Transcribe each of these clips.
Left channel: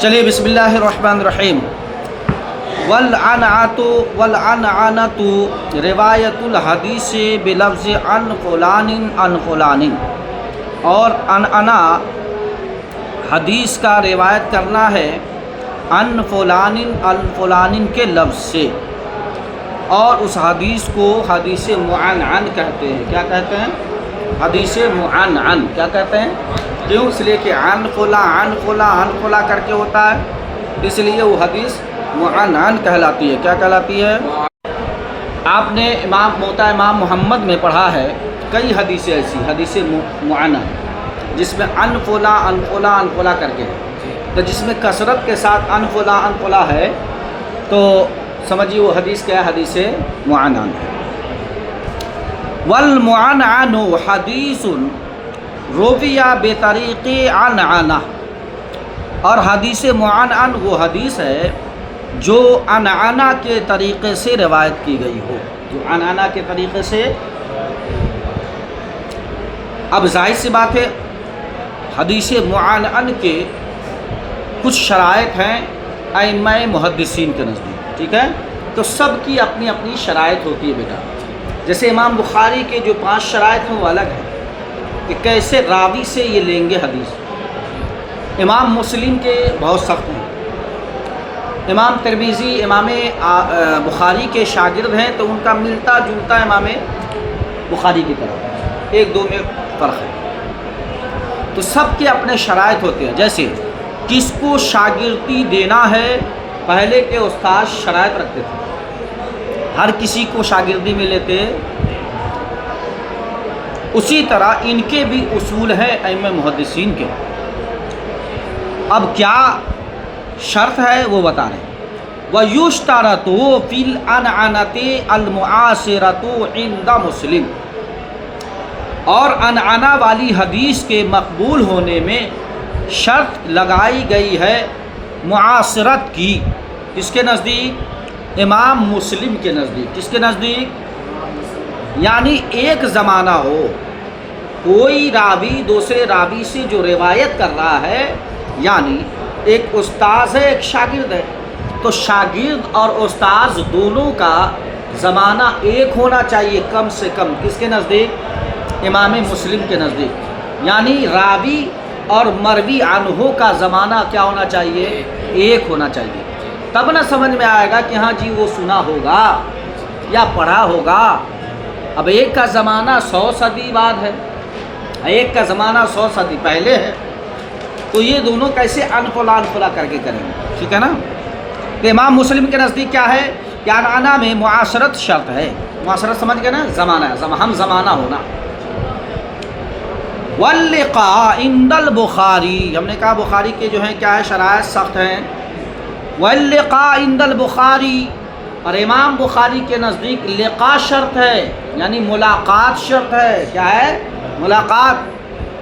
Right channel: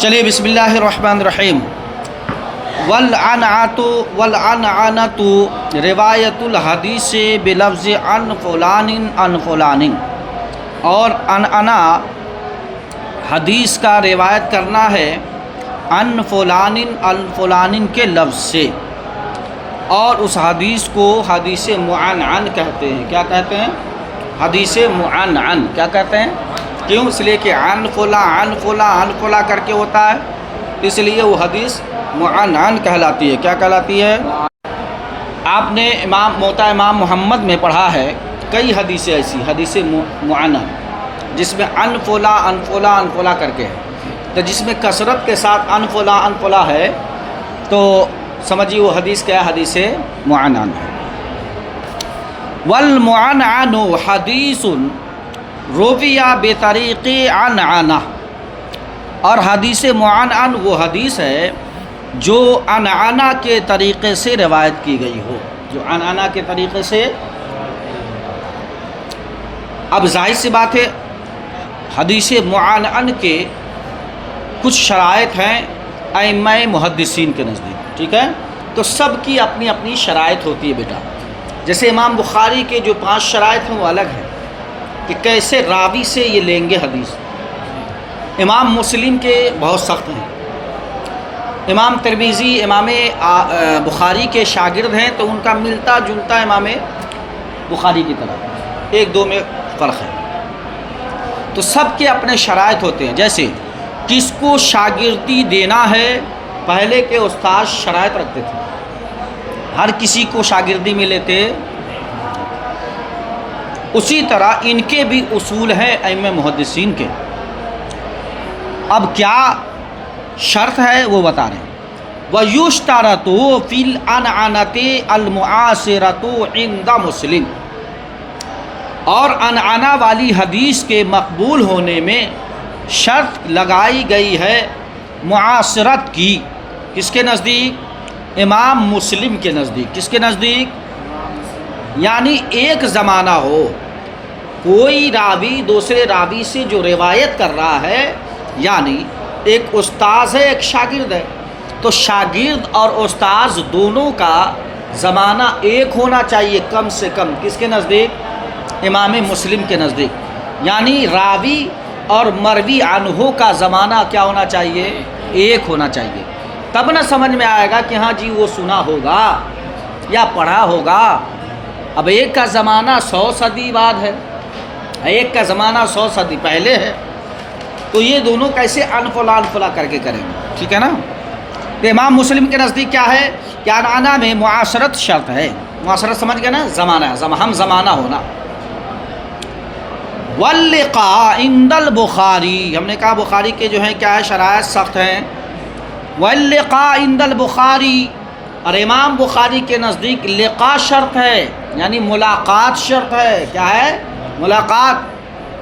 چلیے بسم اللہ الرحمن الرحیم۔ والعنعنۃ روایت الحدیث بلفظ عن فلان عن فلان، اور عنعنہ حدیث کا روایت کرنا ہے عن فلان عن فلان کے لفظ سے، اور اس حدیث کو حدیث معنعن کہتے ہیں۔ کیا کہتے ہیں؟ حدیث معنعن کیا کہتے ہیں؟ کیوں؟ اس لیے کہ عن فلاں عن فلاں عن فلاں کر کے ہوتا ہے، اس لیے وہ حدیث معنعن کہلاتی ہے۔ کیا کہلاتی ہے؟ آپ نے موطا امام محمد میں پڑھا ہے کئی حدیثیں ایسی حدیث معنعن جس میں عن فلاں عن فلاں عن فلاں کر کے ہے، تو جس میں کثرت کے ساتھ عن فلاں ہے تو سمجھیے وہ حدیث کیا ہے؟ حدیث معنعن۔ والمعنعن حدیث رویہ بطریق عنعنہ، اور حدیث معنعن وہ حدیث ہے جو عنعنہ کے طریقے سے روایت کی گئی ہو، جو عنعنہ کے طریقے سے۔ اب ظاہر سی بات ہے حدیث معنعن کے کچھ شرائط ہیں ائمہ محدثین کے نزدیک، ٹھیک ہے؟ تو سب کی اپنی اپنی شرائط ہوتی ہے بیٹا۔ جیسے امام بخاری کے جو 5 شرائط ہیں وہ الگ ہیں کہ کیسے راوی سے یہ لیں گے حدیث۔ امام مسلم کے بہت سخت ہیں، امام ترمذی امام بخاری کے شاگرد ہیں تو ان کا ملتا جلتا امام بخاری کی طرح، ایک دو میں فرق ہے۔ تو سب کے اپنے شرائط ہوتے ہیں۔ جیسے کس کو شاگردی دینا ہے، پہلے کے استاد شرائط رکھتے تھے، ہر کسی کو شاگردی میں لیتے، اسی طرح ان کے بھی اصول ہیں ائمہ محدثین کے۔ اب کیا شرط ہے وہ بتا رہے ہیں۔ وَيُشْتَرَطُ فِي الْعَنْعَنَةِ الْمُعَاصِرَةُ عِنْدَ مسلم، اور عنعنہ والی حدیث کے مقبول ہونے میں شرط لگائی گئی ہے معاصرت کی۔ کس کے نزدیک؟ امام مسلم کے نزدیک۔ کس کے نزدیک؟ یعنی ایک زمانہ ہو، کوئی راوی دوسرے راوی سے جو روایت کر رہا ہے، یعنی ایک استاذ ہے ایک شاگرد ہے، تو شاگرد اور استاذ دونوں کا زمانہ ایک ہونا چاہیے کم سے کم۔ کس کے نزدیک؟ امام مسلم کے نزدیک۔ یعنی راوی اور مروی عنہ کا زمانہ کیا ہونا چاہیے؟ ایک ہونا چاہیے، تب نہ سمجھ میں آئے گا کہ ہاں جی وہ سنا ہوگا یا پڑھا ہوگا۔ اب ایک کا زمانہ 100 صدی بعد ہے، ایک کا زمانہ 100 صدی پہلے ہے، تو یہ دونوں کیسے انفلا کر کے کریں گے؟ ٹھیک ہے نا؟ تو امام مسلم کے نزدیک کیا ہے کہ عنعنہ میں معاصرت شرط ہے۔ معاصرت سمجھ گئے نا؟ زمانہ، ہم زمانہ ہونا۔ واللقاء عند البخاری، ہم نے کہا بخاری کے جو ہیں کیا ہے شرائط سخت ہیں۔ واللقاء عند البخاری، اور امام بخاری کے نزدیک لقاء شرط ہے، یعنی ملاقات شرط ہے۔ کیا ہے؟ ملاقات،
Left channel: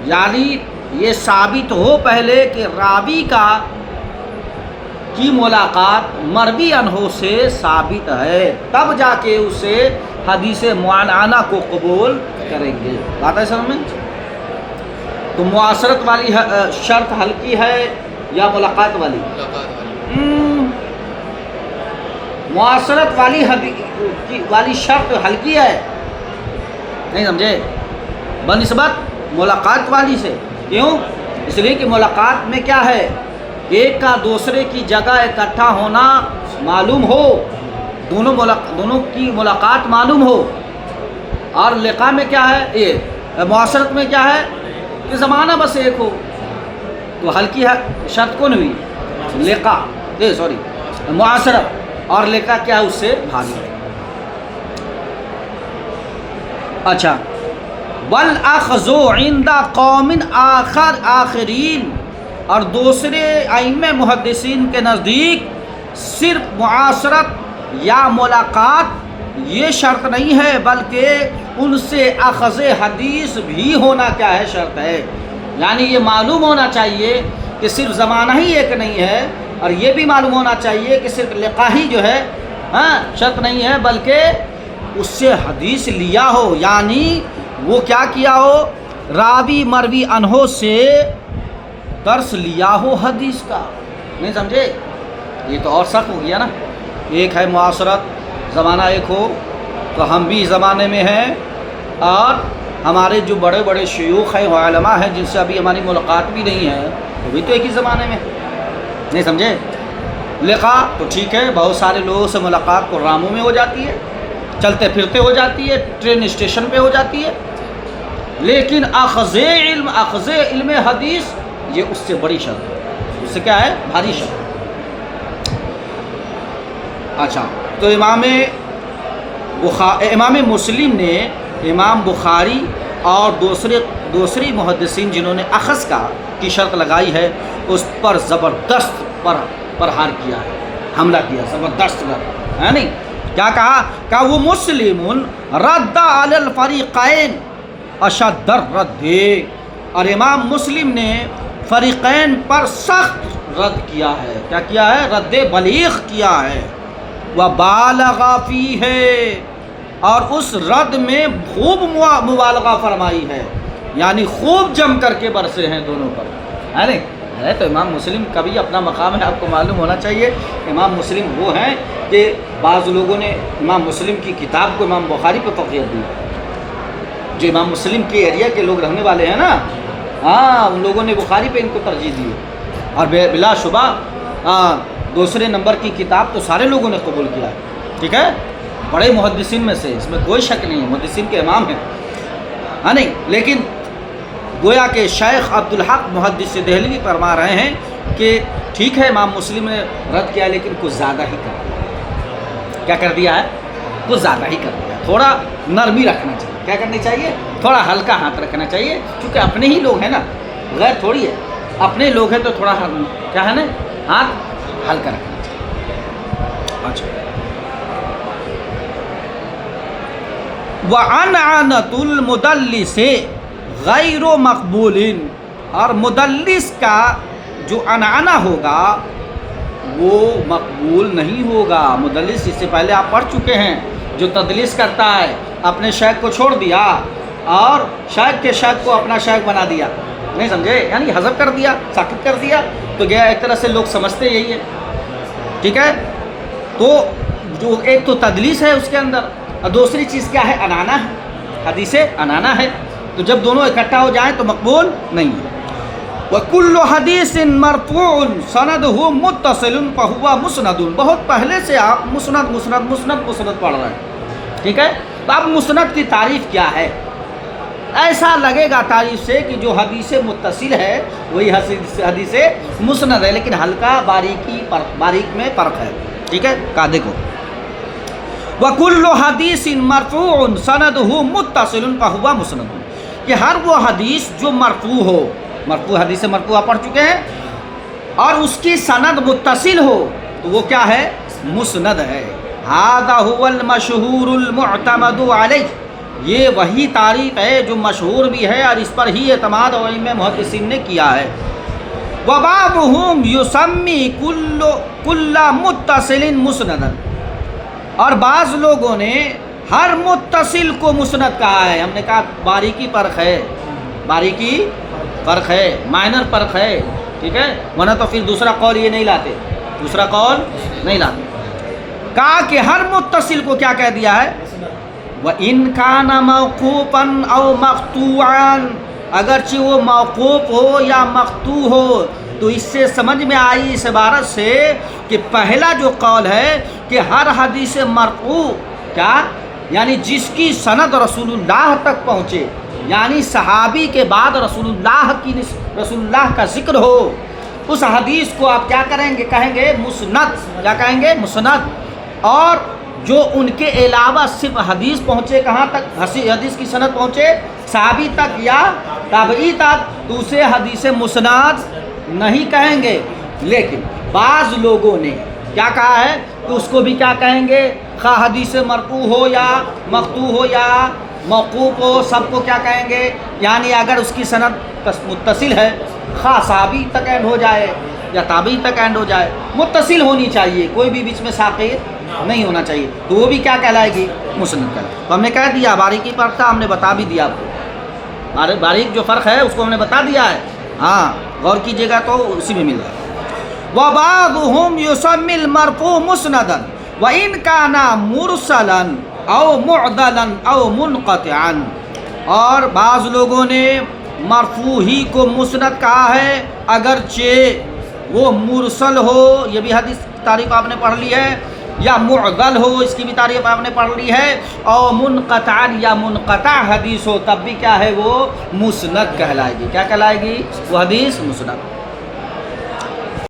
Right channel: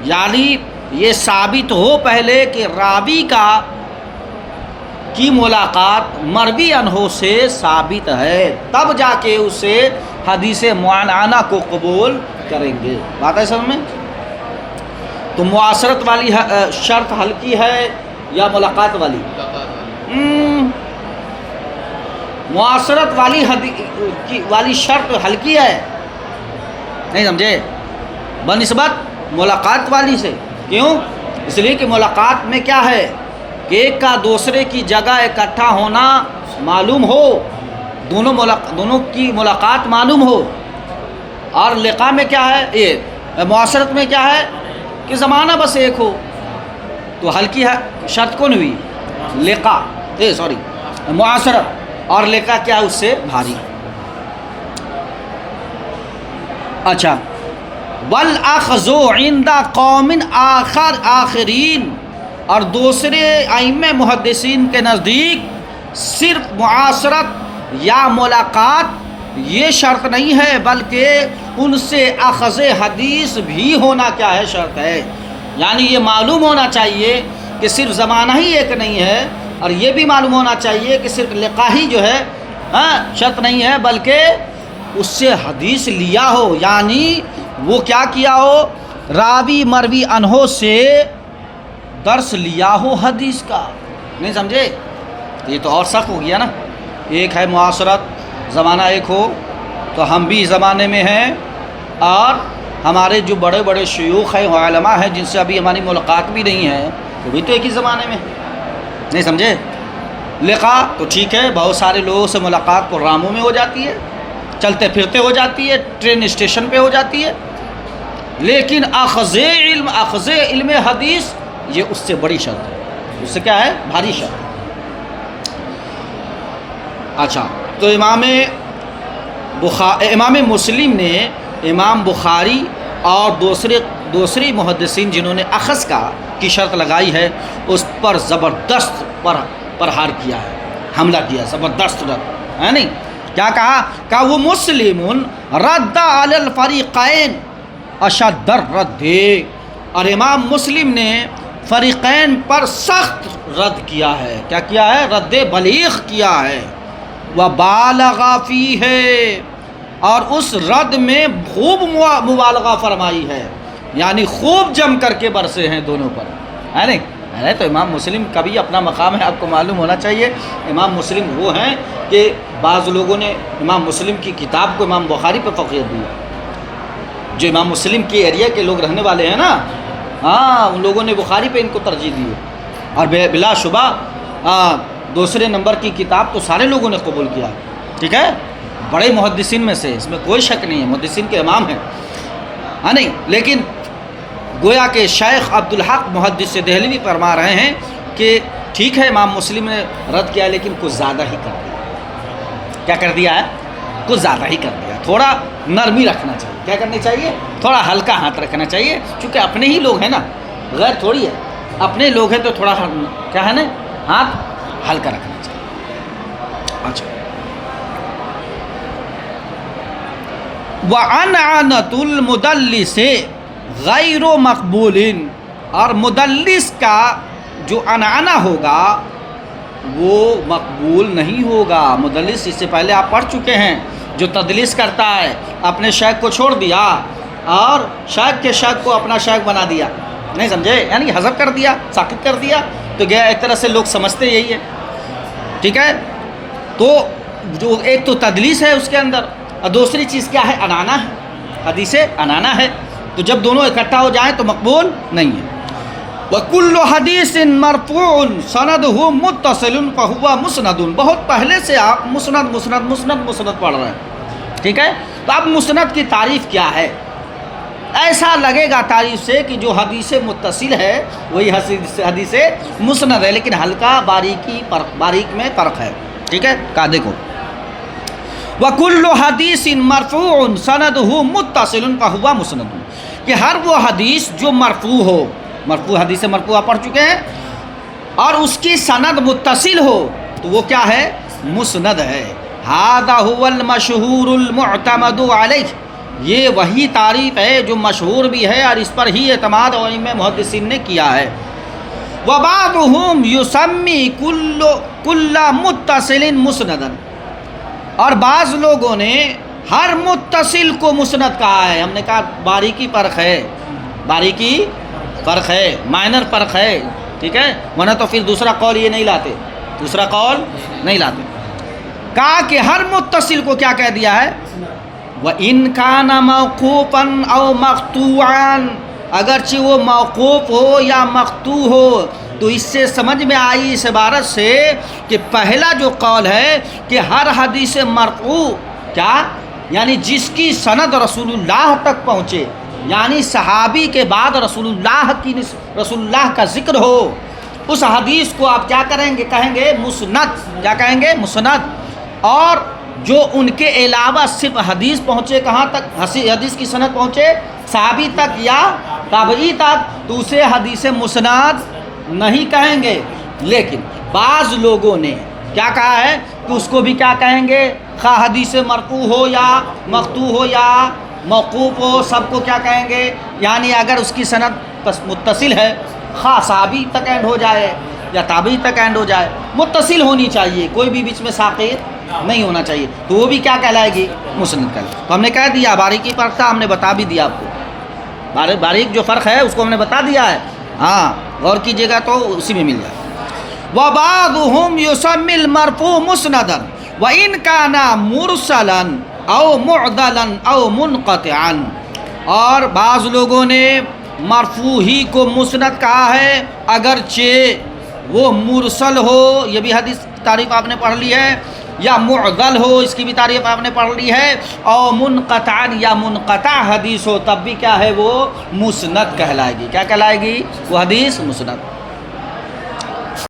یعنی یہ ثابت ہو پہلے کہ راوی کی ملاقات مروی عنہ سے ثابت ہے، تب جا کے اسے حدیث معنعنہ کو قبول کریں گے۔ بات ہے سمجھ میں؟ تو معاصرت والی شرط ہلکی ہے یا ملاقات والی؟ معاصرت والی شرط ہلکی ہے، نہیں سمجھے؟ بنسبت ملاقات والی سے۔ کیوں؟ اس لیے کہ ملاقات میں کیا ہے کہ ایک کا دوسرے کی جگہ اکٹھا ہونا معلوم ہو، دونوں کی ملاقات معلوم ہو، اور لقاء میں کیا ہے، معاصرت میں کیا ہے کہ زمانہ بس ایک ہو۔ تو ہلکی شرط کون ہوئی؟ لقاء، معاصرت، اور لقاء کیا اس سے بھاری۔ اچھا، والاخذ عند قوم آخرین، اور دوسرے ائمہ محدثین کے نزدیک صرف معاصرت یا ملاقات یہ شرط نہیں ہے، بلکہ ان سے اخذ حدیث بھی ہونا کیا ہے؟ شرط ہے۔ یعنی یہ معلوم ہونا چاہیے کہ صرف زمانہ ہی ایک نہیں ہے، اور یہ بھی معلوم ہونا چاہیے کہ صرف لقاء ہی جو ہے شرط نہیں ہے، بلکہ اس سے حدیث لیا ہو، یعنی وہ کیا کیا ہو؟ راوی مروی عنہ سے درس لیا ہو حدیث کا، نہیں سمجھے؟ یہ تو اور سخت ہو گیا نا. ایک ہے معاصرت، زمانہ ایک ہو تو ہم بھی زمانے میں ہیں، اور ہمارے جو بڑے بڑے شیوخ ہیں، علماء ہیں، جن سے ابھی ہماری ملاقات بھی نہیں ہے، وہ بھی تو ایک ہی زمانے میں. نہیں سمجھے؟ لقاء تو ٹھیک ہے، بہت سارے لوگوں سے ملاقات پروگراموں میں ہو جاتی ہے، چلتے پھرتے ہو جاتی ہے، ٹرین اسٹیشن پہ ہو جاتی ہے، لیکن اخذ علم حدیث یہ اس سے بڑی شرط ہے. اس سے کیا ہے؟ بھاری شرط. اچھا، تو امام مسلم نے امام بخاری اور دوسری محدثین جنہوں نے اخذ کی شرط لگائی ہے، اس پر زبردست پرہار کیا ہے، حملہ کیا، زبردست ہے نہیں. کیا کہا کہ وہ مسلم رد علی الفریقین اشد الرد، اور امام مسلم نے فریقین پر سخت رد کیا ہے. کیا کیا ہے؟ رد بلیغ کیا ہے. وبالغ فیہ، اور اس رد میں خوب مبالغہ فرمائی ہے، یعنی خوب جم کر کے برسے ہیں دونوں پر، ہے نہیں؟ ہے تو امام مسلم کا بھی اپنا مقام ہے، آپ کو معلوم ہونا چاہیے. امام مسلم وہ ہیں کہ بعض لوگوں نے امام مسلم کی کتاب کو امام بخاری پہ فقیت دی. جو امام مسلم کے ایریا کے لوگ رہنے والے ہیں نا، ہاں، ان لوگوں نے بخاری پہ ان کو ترجیح دی ہے، اور بلا شبہ دوسرے نمبر کی کتاب تو سارے لوگوں نے قبول کیا. ٹھیک ہے، بڑے محدثین میں سے، اس میں کوئی شک نہیں ہے، محدثین کے امام ہیں، ہاں نہیں. لیکن گویا کہ شیخ عبدالحق محدث دہلوی فرما رہے ہیں کہ ٹھیک ہے امام مسلم نے رد کیا، لیکن کچھ زیادہ ہی کر دیا. کیا کر دیا ہے؟ کچھ زیادہ ہی کر دیا. تھوڑا نرمی رکھنا چاہیے. کیا کرنی چاہیے؟ تھوڑا ہلکا ہاتھ رکھنا چاہیے، چونکہ اپنے ہی لوگ ہیں نا، غیر تھوڑی ہے. اپنے لوگ ہیں تو تھوڑا کیا ہے نا، ہاتھ ہلکا رکھنا چاہیے. اچھا، وَعَنْعَنَةُ الْمُدَلِّسِ غیر مقبول، اور مدلس کا جو عنعنہ ہوگا وہ مقبول نہیں ہوگا. مدلس اس سے پہلے آپ پڑھ چکے ہیں، جو تدلیس کرتا ہے، اپنے شیخ کو چھوڑ دیا اور شیخ کے شیخ کو اپنا شیخ بنا دیا. نہیں سمجھے؟ یعنی حذف کر دیا، ساقط کر دیا، تو گیا ایک طرح سے لوگ سمجھتے یہی ہے. ٹھیک ہے، تو جو ایک تو تدلیس ہے اس کے اندر، اور دوسری چیز کیا ہے؟ عنعنہ ہے، حدیث عنعنہ ہے. تو جب دونوں اکٹھا ہو جائیں تو مقبول نہیں ہے. وَكُلُّ حَدِيثٍ مَرْفُوعٌ سَنَدُهُ مُتَّصِلٌ فَهُوَ مُسْنَدٌ. بہت پہلے سے آپ مسند پڑھ رہے ہیں. ٹھیک ہے، تو اب مسند کی تعریف کیا ہے؟ ایسا لگے گا تعریف سے کہ جو حدیث متصل ہے وہی حدیث مسند ہے، لیکن ہلکا باریک میں فرق ہے. ٹھیک ہے، کہا دیکھو، وَكُلُّ حَدِيثٍ مَرْفُوعٌ سَنَدُهُ مُتَّصِلٌ فَهُوَ مُسْنَدٌ، کہ ہر وہ حدیث جو مرفوع ہو، مرفوع حدیث مرفوع پڑھ چکے ہیں، اور اس کی سند متصل ہو تو وہ کیا ہے؟ مسند ہے. هَذَا هُوَ الْمَشْهُورُ الْمُعْتَمَدُ عَلَيْهِ، یہ وہی تعریف ہے جو مشہور بھی ہے اور اس پر ہی اعتماد ائمہ محدثین نے کیا ہے. وَبَعْضُهُمْ يُسَمِّي كُلَّ مُتَّصِلٍ مُسْنَدًا، اور بعض لوگوں نے ہر متصل کو مسند کہا ہے. ہم نے کہا باریکی فرق ہے، مائنر فرق ہے. ٹھیک ہے، ورنہ تو پھر دوسرا قول یہ نہیں لاتے، کہا کہ ہر متصل کو کیا کہہ دیا ہے؟ وَإِنْ كَانَ مَوْقُوفًا أَوْ مَقْطُوعًا، اگرچہ وہ موقوف ہو یا مقطوع ہو. تو اس سے سمجھ میں آئی اس عبارت سے کہ پہلا جو قول ہے کہ ہر حدیث مرفوع، کیا یعنی جس کی سند رسول اللہ تک پہنچے، یعنی صحابی کے بعد رسول اللہ کا ذکر ہو، اس حدیث کو آپ کیا کہیں گے؟ مسند. کیا کہیں گے؟ مسند. اور جو ان کے علاوہ صرف حدیث پہنچے کہاں تک؟ حدیث کی سند پہنچے صحابی تک یا تابعی تک، تو اسے حدیث مسند نہیں کہیں گے. لیکن بعض لوگوں نے کیا کہا ہے کہ اس کو بھی کیا کہیں گے؟ خواہ حدیث مرفوع ہو یا مقطوع ہو یا موقوف ہو، سب کو کیا کہیں گے؟ یعنی اگر اس کی سند متصل ہے، خواہ صحابی تک اینڈ ہو جائے یا تابعی تک اینڈ ہو جائے، متصل ہونی چاہیے، کوئی بھی بیچ میں ساقط نہیں ہونا چاہیے، تو وہ بھی کیا کہلائے گی؟ مسند کہلائے. تو ہم نے کہہ دیا باریکی فرق تھا، ہم نے بتا بھی دیا آپ کو. باریک جو فرق ہے اس کو ہم نے بتا دیا ہے. ہاں، غور کیجیے گا تو اسی میں مل جائے. وبعضهم يسمي المرفوع مسندا وإن كان مرسلا أو معضلا أو منقطعا. اور بعض لوگوں نے مرفوع ہی کو مسند کہا ہے اگرچہ وہ مرسل ہو، یہ بھی حدیث کی تعریف آپ نے پڑھ لی ہے، یا معضل ہو، اس کی بھی تعریف آپ نے پڑھ لی ہے، اور منقطعا یا منقطع حدیث ہو تب بھی کیا ہے وہ مسند کہلائے گی. کیا کہلائے گی وہ حدیث؟ مسند.